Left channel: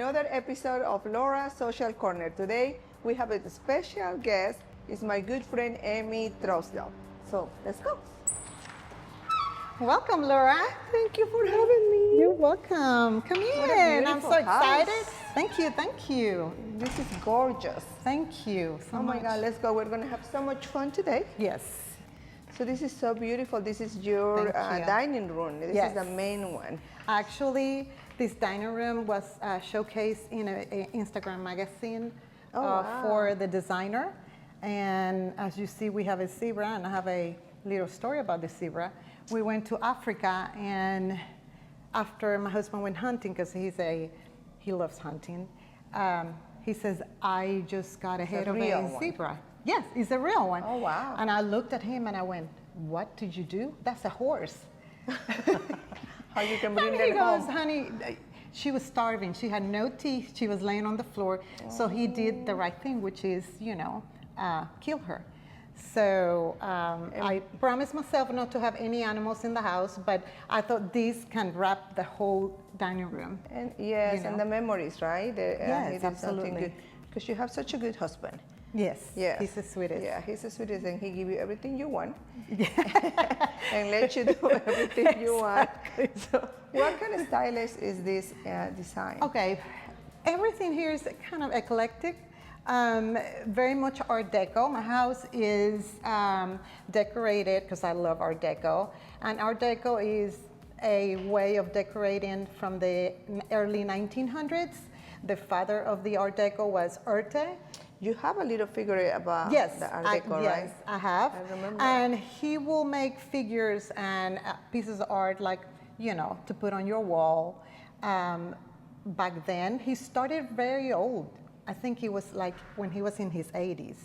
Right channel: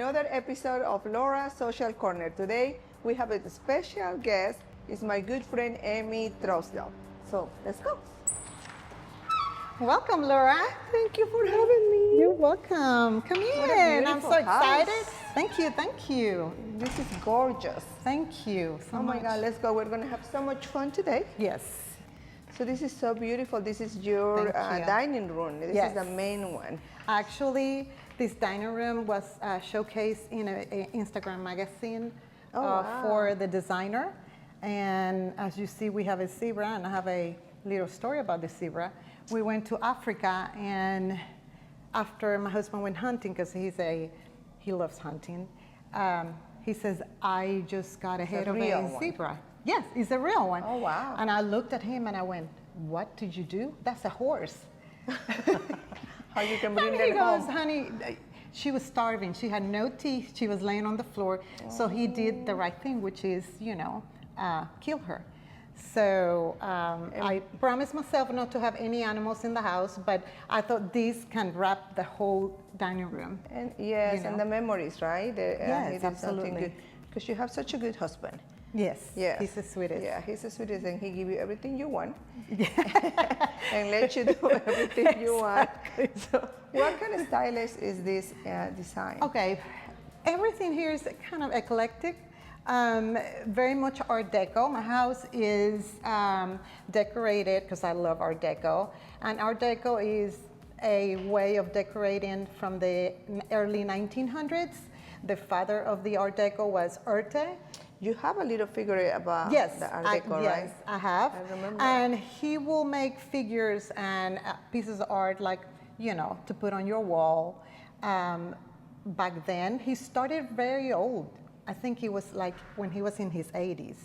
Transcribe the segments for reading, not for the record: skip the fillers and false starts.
another episode of Laura's Social Corner. Today we have a special guest. It's my good friend Emy Trousdale. So let's go. Welcome, Laura. Thank you for having me. You're welcome. Come in. I'm so excited. House. Thank you. Thank you. This is gorgeous. Thank you so Oh much. my God, let's go. We're going to have so much fun today. Yes. So this is so beautiful. This is your Thank you. dining room. This Yes. is the main one. Actually, this dining room was showcased in an Instagram magazine wow. for the designer. And as you see, we have a zebra, and I have a little story about the zebra. We went to Africa, and after my husband went hunting, because he loves hunting, he says, I just got a head of a zebra. Yes, it's a real one. Oh, wow. And I looked at him and I went, what did you do? That's a horse. How you can bring And he that goes, home? honey, she was starving. She had no teeth. She was laying on the floor. So he did the right thing, which is, kill her. So I promised myself not to have any animals in the house, but I thought this can wrap the whole dining room. And yes, and the memories, right? Yes, absolutely. Because you have such a good husband. Yes, Yes. he's the sweetest. Yeah, he's the sweetest, and he give you everything you want, and let you do everything you want. So, what kind of stylist is this design? Okay, everything here is kind of eclectic. Very much Art Deco. My house is decorated because I love Art Deco, and Art Deco is a way of decorating from the early 1900s. The father of the Art Deco was Arte. You have a little figure about Yes, the Art Deco, right? Yes, I have. I remember. And he will make figures and pieces of art, like, to put on your wall. Back then, he started very old. I think he was like when he was in his 80s.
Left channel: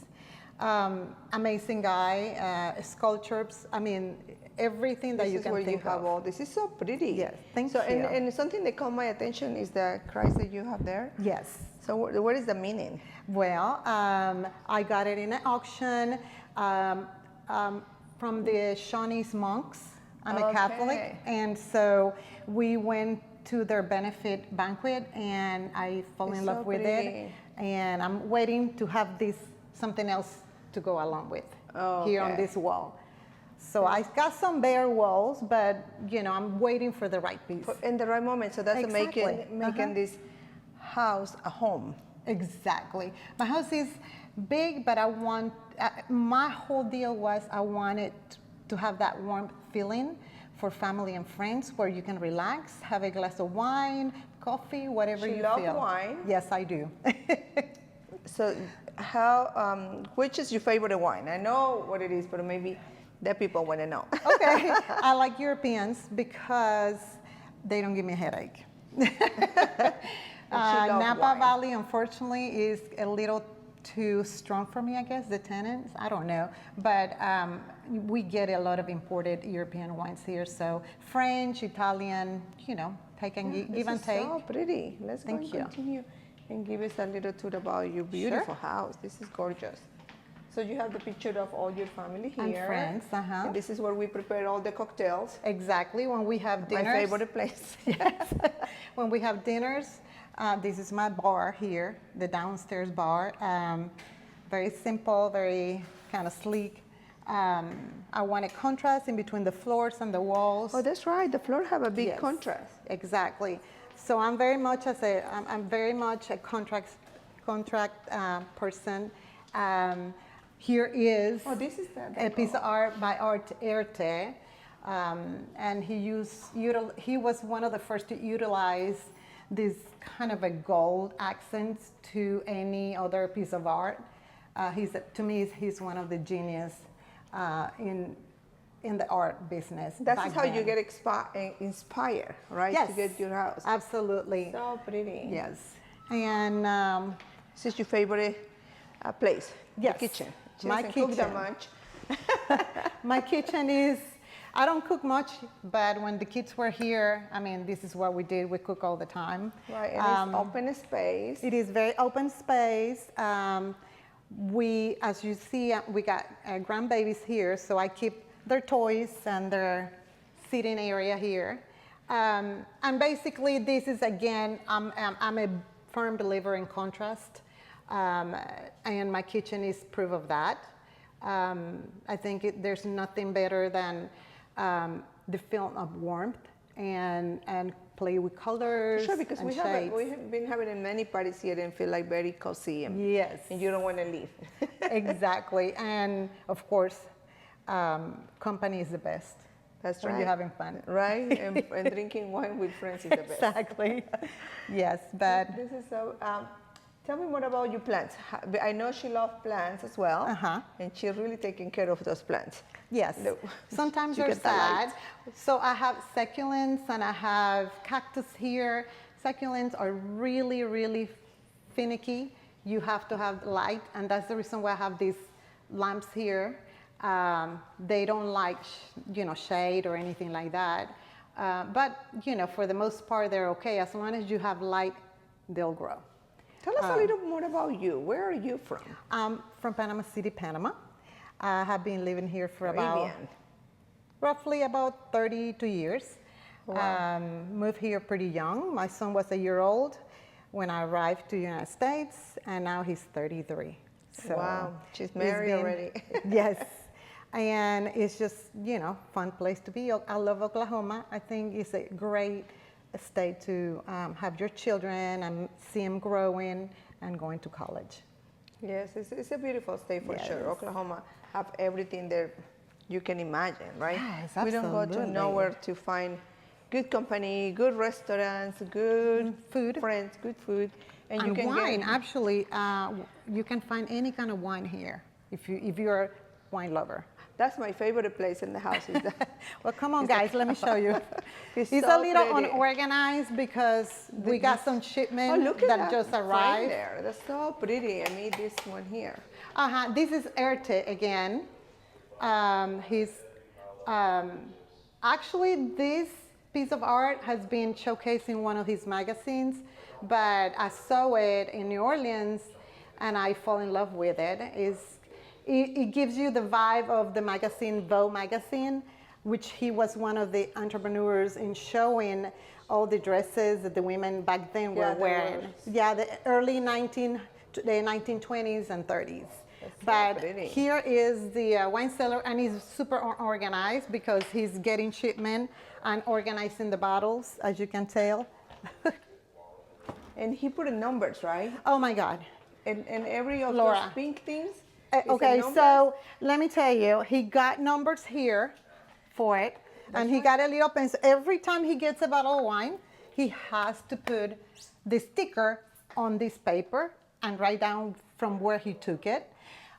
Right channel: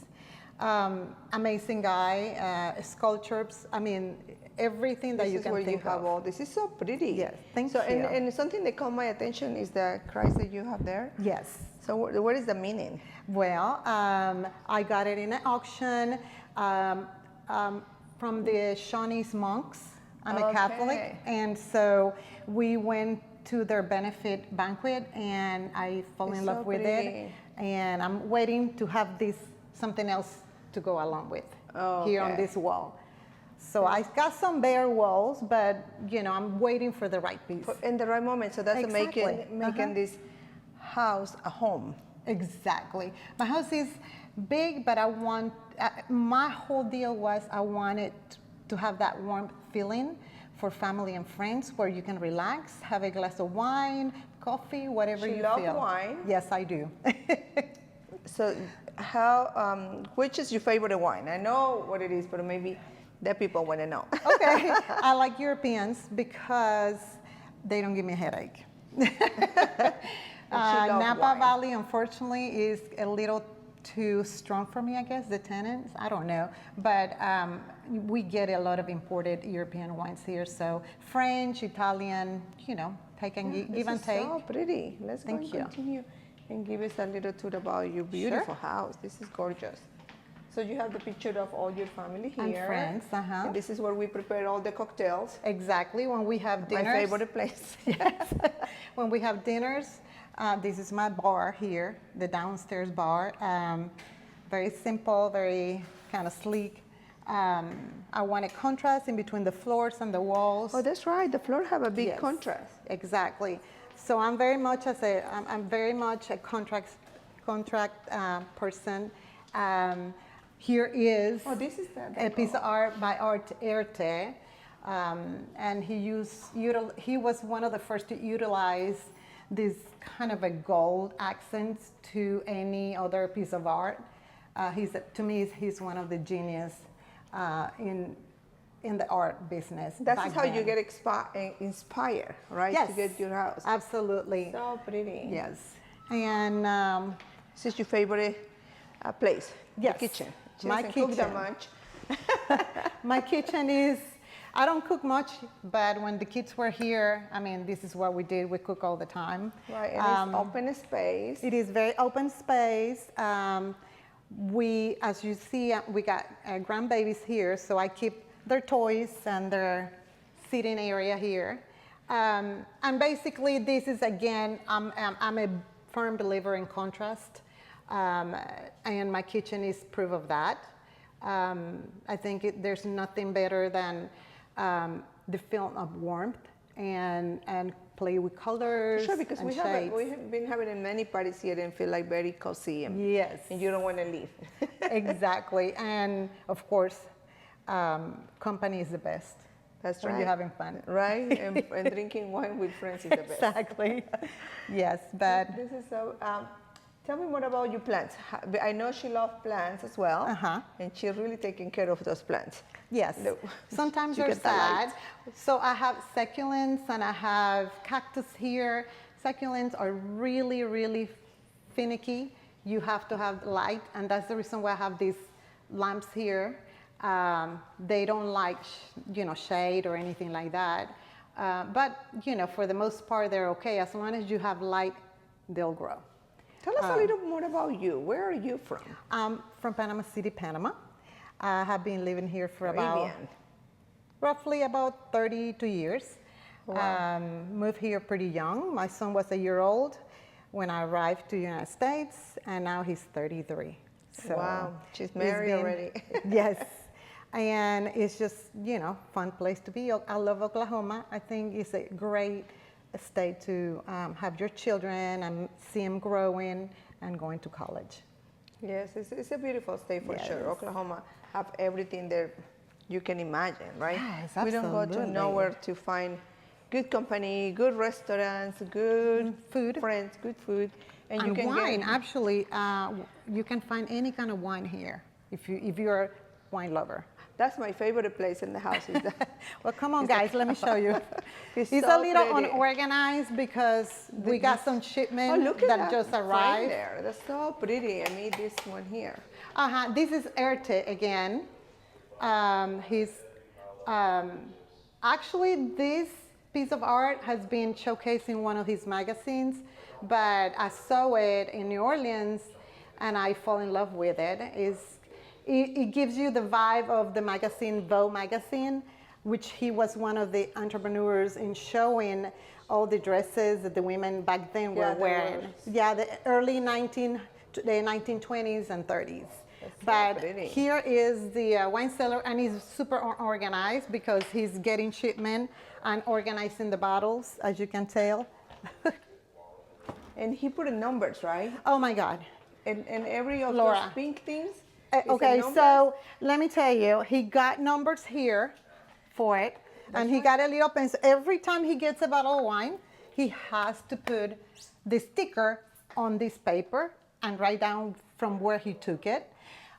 Amazing guy, sculptures. I mean, everything that you can think This is where you have of. all. This is so pretty. Yes, thank you. you. And something that caught my attention is the Christ that you have there. Yes. So what is the meaning? Well, I got it in an auction from the Shawnees monks. I'm a Catholic, and so we went to their benefit banquet, and I fell in love with it. And I'm waiting to have something else to go along with here on this wall. So I got some bare walls, but I'm waiting for the right piece. In the right moment, so that's Exactly. making this house a home. Exactly. My house is big, but I want, my whole deal was I wanted to have that warm feeling for family and friends where you can relax, have a glass of wine, coffee, whatever you feel. You love wine? Yes, I do. So which is your favorite wine? I know what it is, but maybe the people want to know. Okay, I like Europeans because they don't give me a headache. Napa wine. Valley, unfortunately, is a little too strong for me, I guess, the tannins, I don't know. But we get a lot of imported European wines here, so French, Italian, take and give and take. This is so pretty. Let's go and Thank you. continue and give us a little tour about your beautiful house. This is gorgeous. So you have the picture of all your family here. And friends, And this is where we prepare all the cocktails. Exactly, when we have dinners. My favorite place. Yes. When we have dinners, this is my bar here, the downstairs bar. Very simple, very kind of sleek. I want a contrast in between the floors and the walls. Oh, that's right. The floor have a big Yes, contrast. Exactly. So I'm very much I'm very much a contract person. Here is This is a piece of art by Art Deco, and he was one of the first to utilize this kind of a gold accent to any other piece of art. To me, he's one of the genius in the art business. That's how you get inspired, right? Yes, To get your house. Absolutely. So pretty. Yes. And this is your favorite place? Yes. The kitchen. She My doesn't cook that kitchen. much. My kitchen is, I don't cook much, but when the kids were here, I mean, this is what we did. We cook all the time. Right, and it's open space. It is very open space. We, as you see, we got grandbabies here, so I keep their toys and their sitting area here. And basically, this is, again, I'm a firm believer in contrast, and my kitchen is proof of that. I think there's nothing better than the feeling of warmth and play with colors. Sure, because and we have been having many parties here and feel like very cozy. Yes. And you don't want to leave. Exactly. And of course, company is the best. That's when right. you're having fun. Right? And drinking wine with friends is the best. Exactly. Yes, but this is so. Tell me more about your plants. I know she loves plants as well, and she's really taking care of those plants. Yes. Sometimes they're sad. So I have succulents and I have cactus here. Succulents are really, really finicky. You have to have light, and that's the reason why I have these lamps here. They don't like, shade or anything like that. But, for the most part, they're okay. As long as you have light, they'll grow. Tell us a little more about you. Where are you from? I'm from Panama City, Panama. I have been living here for roughly about 32 years. Wow. Moved here pretty young. My son was a year old when I arrived to the United States, and now he's 33. So wow, she's married already. Yes, and it's just, fun place to be. I love Oklahoma. I think it's a great state to have your children and see them growing and going to college. Yes, it's a beautiful state for sure. Oklahoma have everything there you can imagine, right? Yes, we don't go to nowhere to find good company, good restaurants, good food, friends, good food, and you can wine. Actually, you can find any kind of wine here if you're a wine lover. That's my favorite place in the house. Is that well, come on, guys, let me show you. It's so a little unorganized because we got some shipments that just arrived. There. That's so pretty. I made this one here. This is Art again. Actually, this piece of art has been showcased in one of his magazines, but I saw it in New Orleans and I fell in love with it. It gives you the vibe of the magazine, Vogue magazine, which he was one of the entrepreneurs in showing all the dresses that the women back then were wearing. Yeah, the early 1920s and 30s. But here is the wine cellar, and he's super organized because he's getting shipment and organizing the bottles, as you can tell. And he put in numbers, right? Oh my God. And every of those pink things? Okay, so let me tell you, he got numbers here for it, and he got a little pencil. Every time he gets a bottle of wine, he has to put the sticker on this paper and write down from where he took it.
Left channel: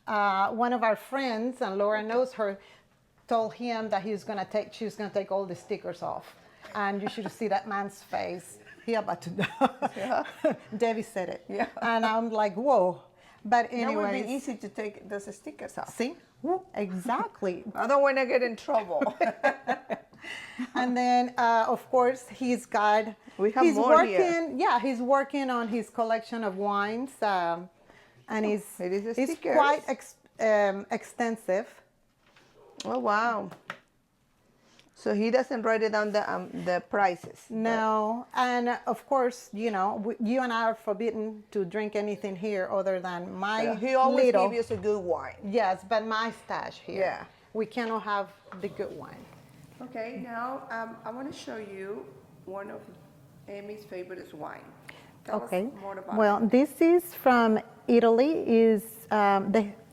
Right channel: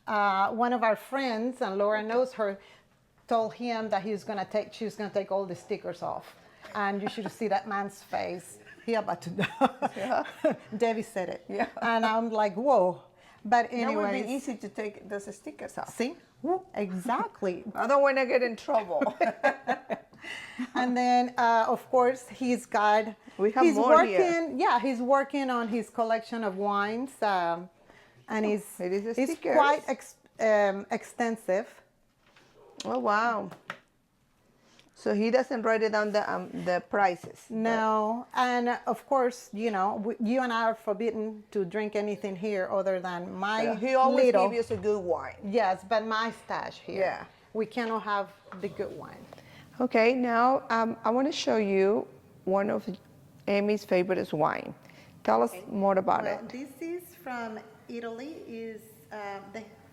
One of our friends, and Laura knows her, told him that she was gonna take all the stickers off. And you should see that man's face. He about to die. Yeah. Debbie said it. Yeah. And I'm like, whoa. But anyway, it would be easy to take those stickers off. See? Exactly. I don't want to get in trouble. And then, of course, he's got. He's working here. Yeah, he's working on his collection of wines, and it's quite extensive. Oh wow! So he doesn't write it down the prices. No, and of course, you and I are forbidden to drink anything here other than my. He always gives us a good wine. Yes, but my stash here. Yeah. We cannot have the good wine. Okay, now I want to show you one of Emy's favorite wine. Tell us more about it. Well, this is from Italy.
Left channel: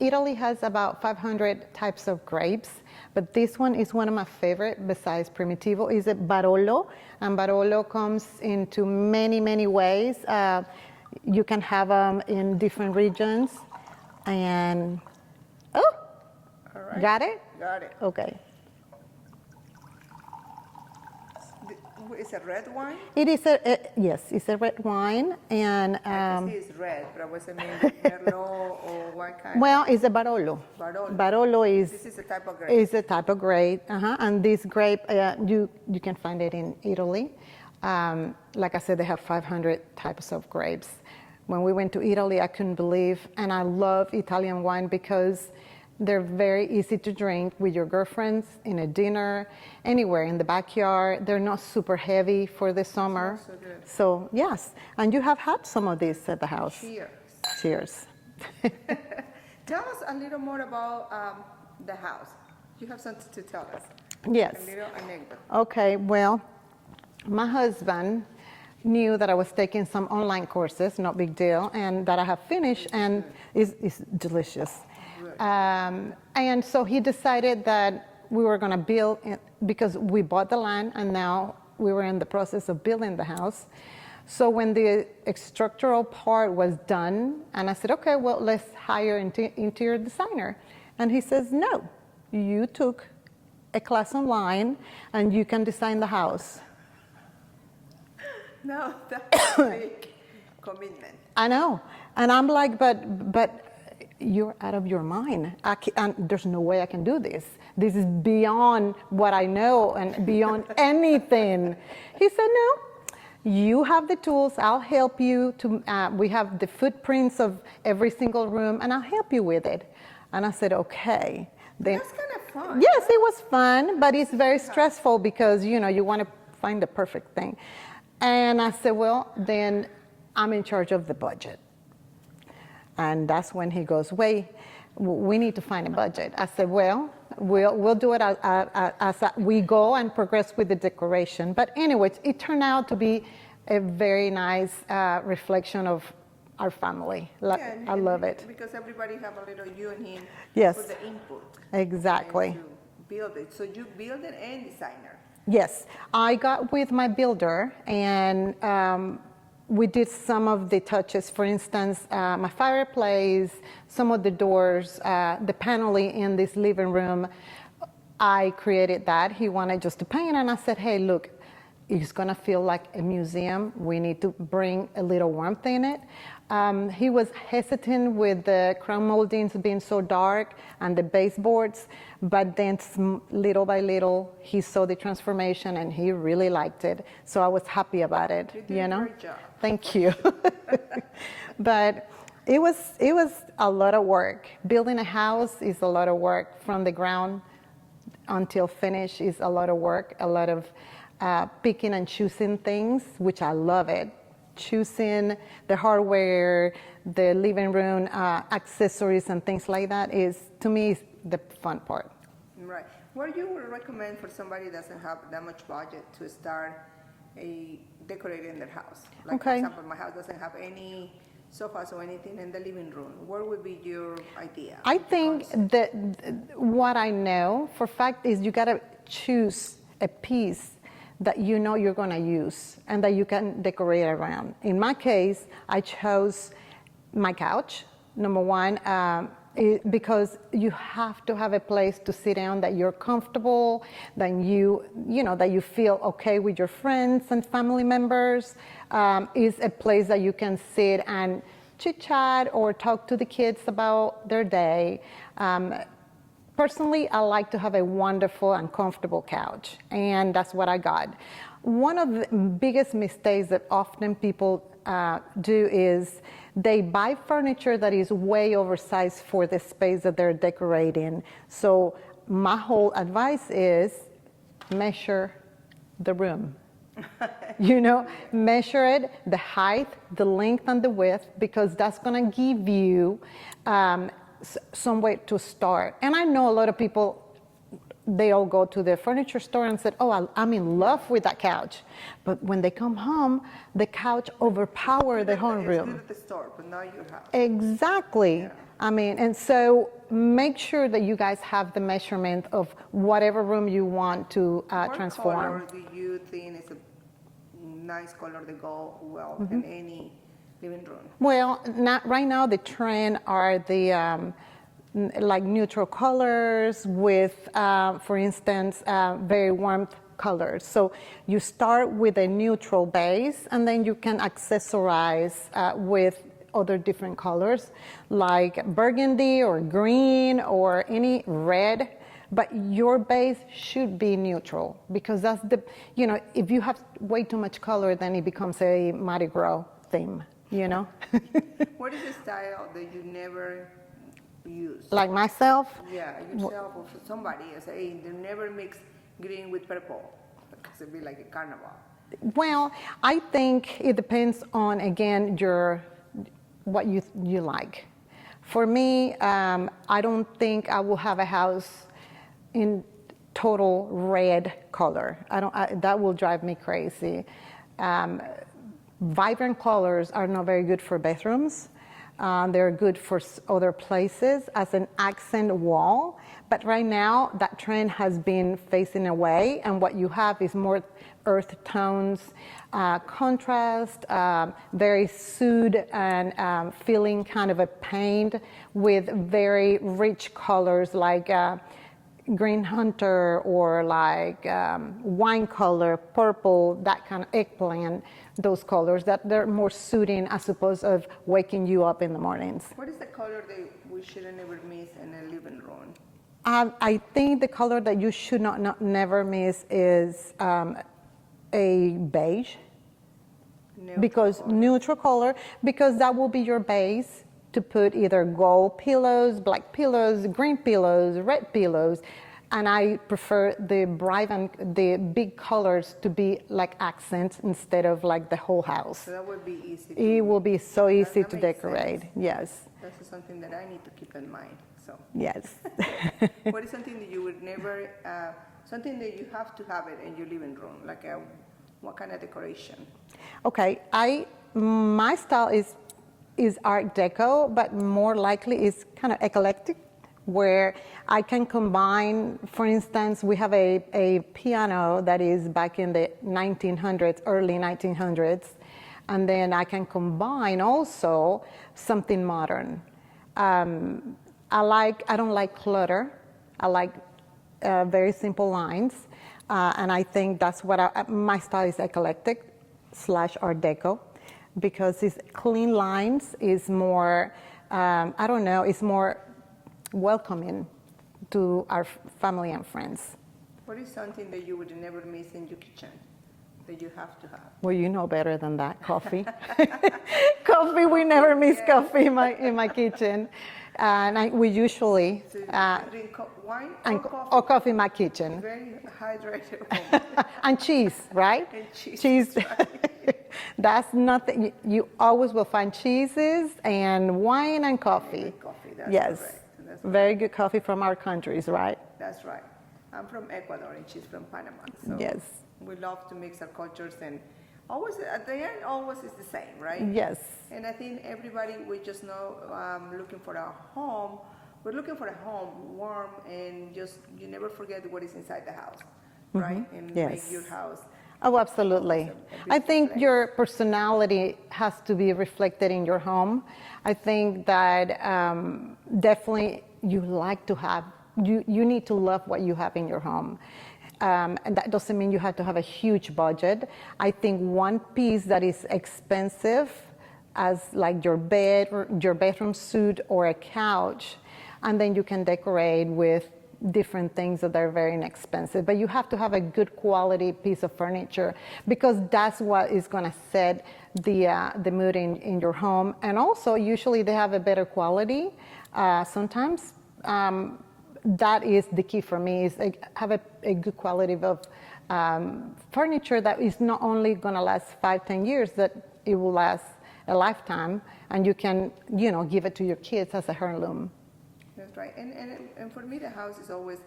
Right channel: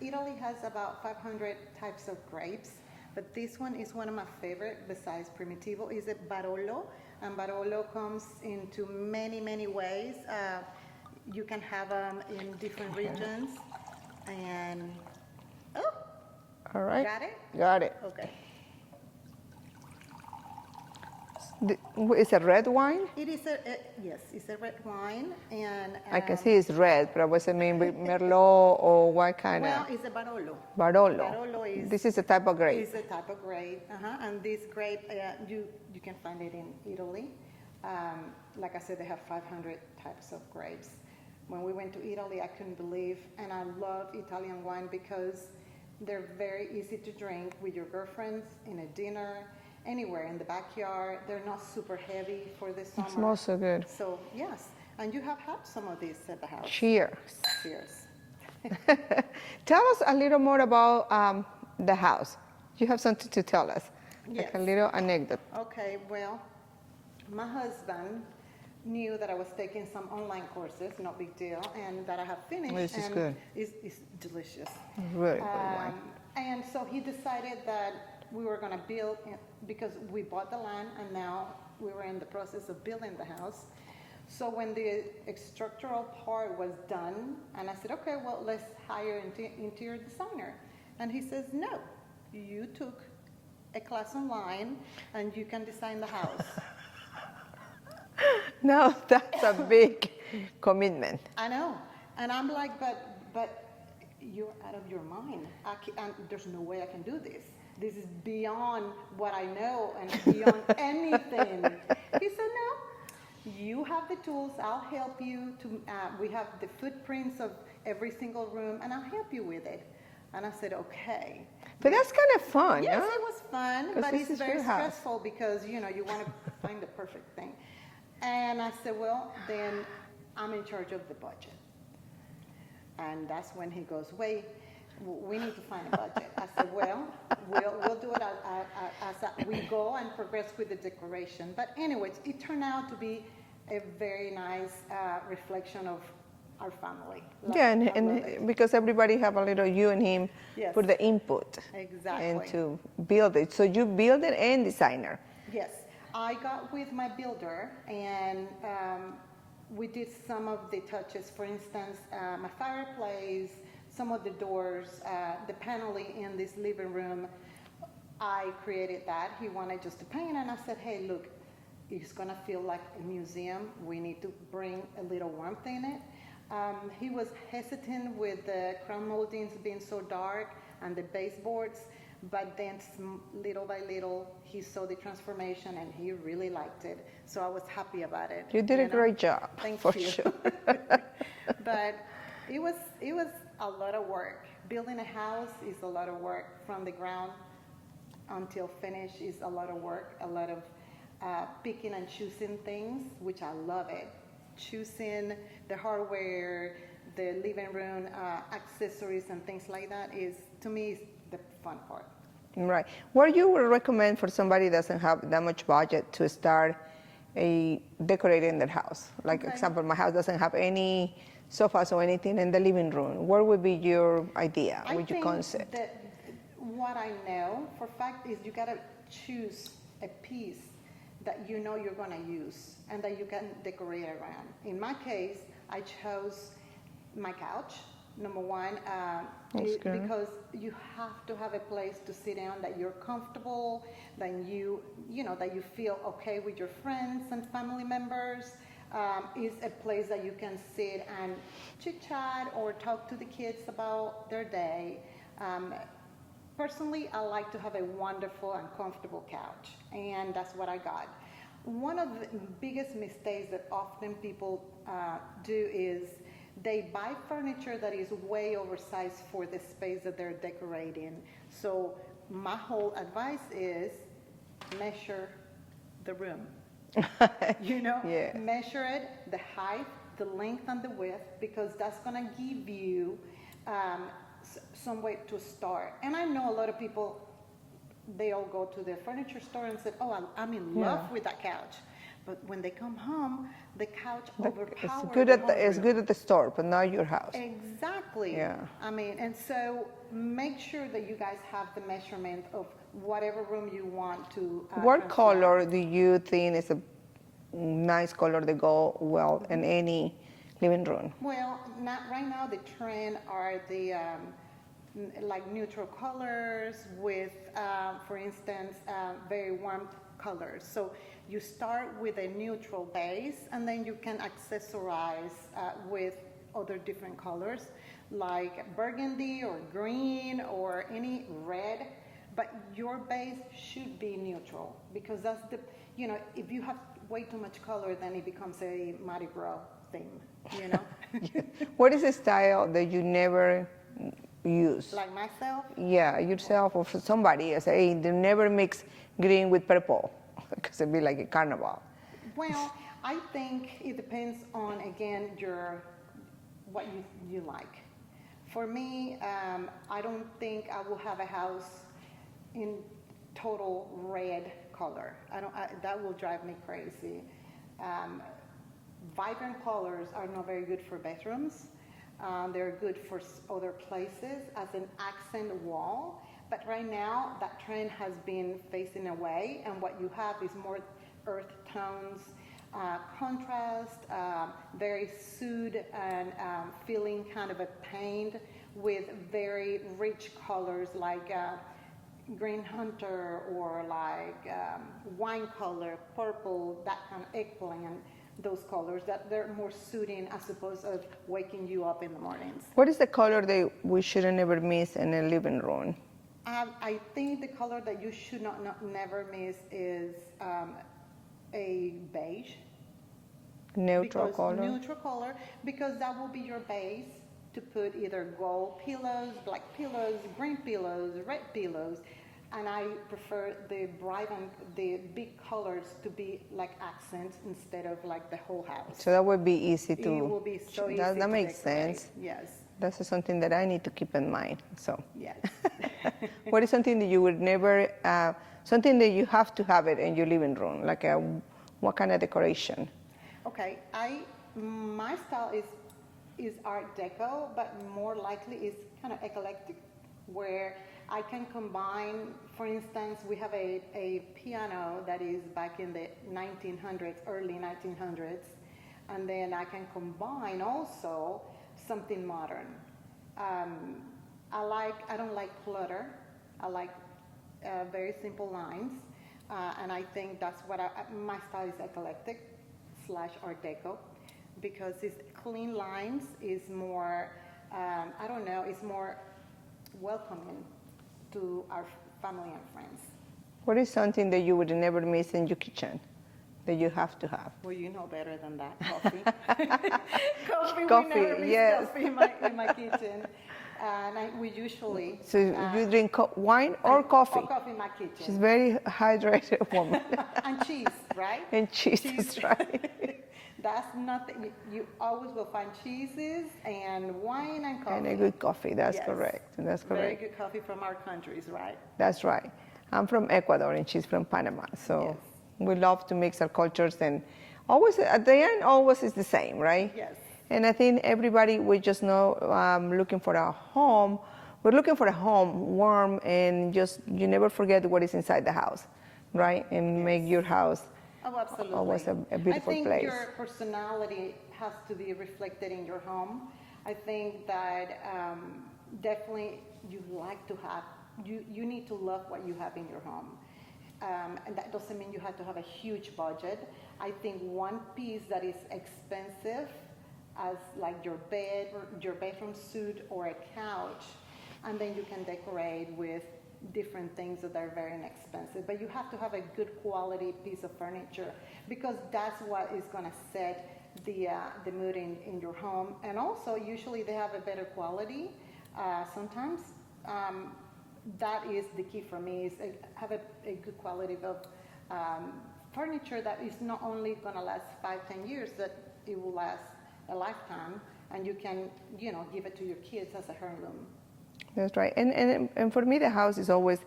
Italy has about 500 types of grapes. But this one is one of my favorite besides Primitivo. Is a Barolo, and Barolo comes into many, many ways. You can have them in different regions. And, all right. Got it? Got it. Okay. Is it red wine? It is yes, it's a red wine. And I can see it's red, but what's the name? Merlot or what kind? Well, it's a Barolo. Barolo. Barolo is. This is a type of grape. It's a type of grape, and this grape you can find it in Italy. Like I said, they have 500 types of grapes. When we went to Italy, I couldn't believe, and I love Italian wine because They're very easy to drink with your girlfriends, in a dinner, anywhere in the backyard. They're not super heavy for the summer. It smells so good. So yes, and you have had some of these at the house. Cheers. Cheers. Tell us a little more about the house. You have something to tell us. Yes. Like a little anecdote. Okay, well, my husband knew that I was taking some online courses, no big deal, and that I have finished, and it's delicious. Really and so he decided that we were going to build, because we bought the land, and now we were in the process of building the house. So when the structural part was done, and I said, okay, well, let's hire an interior designer. And he says, no, you took a class online, and you can design the house. No, that's a big commitment. I know. And I'm like, but you're out of your mind. There's no way I can do this. This is beyond what I know and beyond anything. He said, no, you have the tools. I'll help you. We have the footprints of every single room, and I'll help you with it. And I said, okay. But that's kind of fun. Yes, no? it was fun, but it's very your house. stressful because, you want to find the perfect thing. And I said, well, then I'm in charge of the budget. And that's when he goes, wait, we need to find a budget. I said, well, we'll do it as we go and progress with the decoration. But anyways, it turned out to be a very nice reflection of our family. I love it. Because everybody have a little you and him Yes. for the input. Exactly. And to build it. So you build it and designer. Yes, I got with my builder, and we did some of the touches. For instance, my fireplace, some of the doors, the paneling in this living room, I created that. He wanted just to paint, and I said, hey, look, it's gonna feel like a museum. We need to bring a little warmth in it. He was hesitant with the crown moldings being so dark and the baseboards, but then little by little, he saw the transformation and he really liked it. So I was happy about it. You did a great job. Thank you. Sure. But it was a lot of work. Building a house is a lot of work. From the ground until finish is a lot of work, a lot of picking and choosing things, which I love it. Choosing the hardware, the living room accessories and things like that is, to me, is the fun part. Right. What you would recommend for somebody that doesn't have that much budget to start decorating their house? Like, for example, my house doesn't have any sofas or anything in the living room. What would be your idea? I think that what I know for fact is you gotta choose a piece that you know you're going to use and that you can decorate around. In my case, I chose my couch, number one, because you have to have a place to sit down that you're comfortable, that that you feel okay with your friends and family members. Is a place that you can sit and chit chat or talk to the kids about their day. Personally, I like to have a wonderful and comfortable couch, and that's what I got. One of the biggest mistakes that often people do is they buy furniture that is way oversized for the space that they're decorating. So my whole advice is measure the room. Measure it, the height, the length, and the width, because that's gonna give you some way to start. And I know a lot of people, they all go to the furniture store and said, oh, I'm in love with that couch. But when they come home, the couch overpowers the whole room. It's good at the store, but not your house. Exactly. Yeah. And so make sure that you guys have the measurement of whatever room you want to What transform. color do you think is a nice color to go well in any living room? Well, right now the trend are the like neutral colors with, for instance, very warm colors. So you start with a neutral base, and then you can accessorize with other different colors, like burgundy or green or any red. But your base should be neutral, because that's if you have way too much color, then it becomes a Mardi Gras theme. What is a style that you never use? Like myself? Yeah, yourself or for somebody else. Hey, they never mix green with purple because it'd be like a carnival. Well, I think it depends on, again, what you like. For me, I don't think I will have a house in total red color. That will drive me crazy. Vibrant colors are not very good for bedrooms. They're good for other places as an accent wall. But right now, that trend has been facing away, and what you have is more earth tones, contrast, very soothed and feeling kind of a paint with very rich colors like green hunter or like wine color, purple, that kind of eggplant, those colors that they're more soothing as opposed of waking you up in the mornings. What is the color that we shouldn't ever miss in a living room? I think the color that you should never miss is a beige. Neutral color, because that will be your base to put either gold pillows, black pillows, green pillows, red pillows, and I prefer the bright and the big colors to be like accents instead of like the whole house. So that would be easy to... It will be so easy that to makes decorate. Sense. Yes. That's something that I need to keep in mind. So yes. What is something that you would never, something that you have to have it in your living room? Like what kind of decoration? Okay, my style is Art Deco, but more likely is kind of eclectic, where I can combine, for instance, we have a piano that is back in the 1900s, early 1900s, and then I can combine also something modern. I don't like clutter. I like very simple lines, and I think that's what my style is eclectic / Art Deco, because it's clean lines, is more, I don't know, it's more welcoming to our family and friends. What is something that you would never miss in your kitchen that you have to have? Well, you know better than that. Coffee. Coffee. We never miss coffee in my kitchen. And we usually... So you drink wine or coffee? Or coffee in my kitchen. She's very hydrated woman. And cheese, right? And cheese. Cheese. That's right. That's nothing. You always will find cheeses and wine and coffee. And a good coffee, that's correct. That's correct. Very good coffee from our countries, right? That's right. I'm from Ecuador and she's from Panama. So yes. We love to mix our cultures, and always at the end, always is the same, right? Yes. And I think everybody, we just know, looking for a home. We're looking for a home warm, and just you never forget what is inside the house, right? Mm-hmm. And make your house. Oh, absolutely. I think place. Your personality has to be reflected in your home. I think that definitely you like to have, you need to love what you have in your home. And that doesn't mean you have to have a huge budget. I think one piece that is expensive, as like your bed, or your bedroom suite, or a couch, and then you can decorate with different things that are very inexpensive. But you have to have a good quality piece of furniture, because that's what is going to set the mood in your home. And also, usually they have a better quality. Sometimes that is the key for me, is have a good quality of furniture that is not only going to last 5-10 years, that it will last a lifetime, and you can, give it to your kids as a heirloom. That's right. And for me, the house is always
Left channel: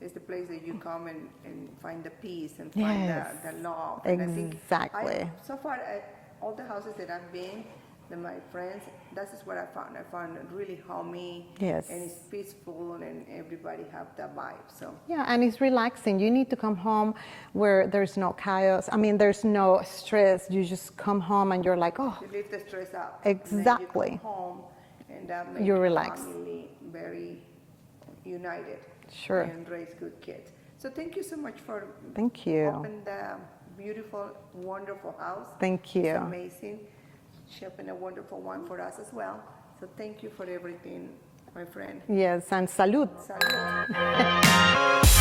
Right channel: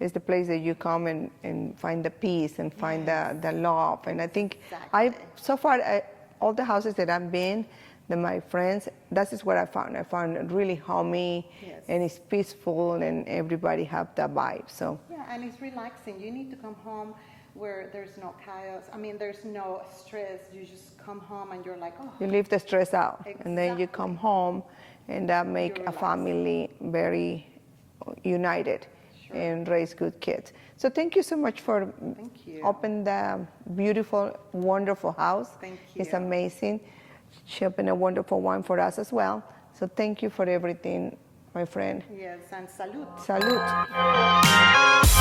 the place that you come and find the peace and find the love. And exactly. I think so far, all the houses that I've been, my friends, that is what I found. I found it really homey, yes. And it's peaceful, and everybody have that vibe. So yeah, and it's relaxing. You need to come home where there's no chaos. I mean, there's no stress. You just come home and you're like, oh. You leave the stress out. Exactly. And then you come home, and that makes a family very united. Sure. And raise good kids. So thank you so much for opening the beautiful, wonderful house. Thank you. It's amazing. She opened a wonderful wine for us as well. So thank you for everything, my friend. Yes, and salud. Salud.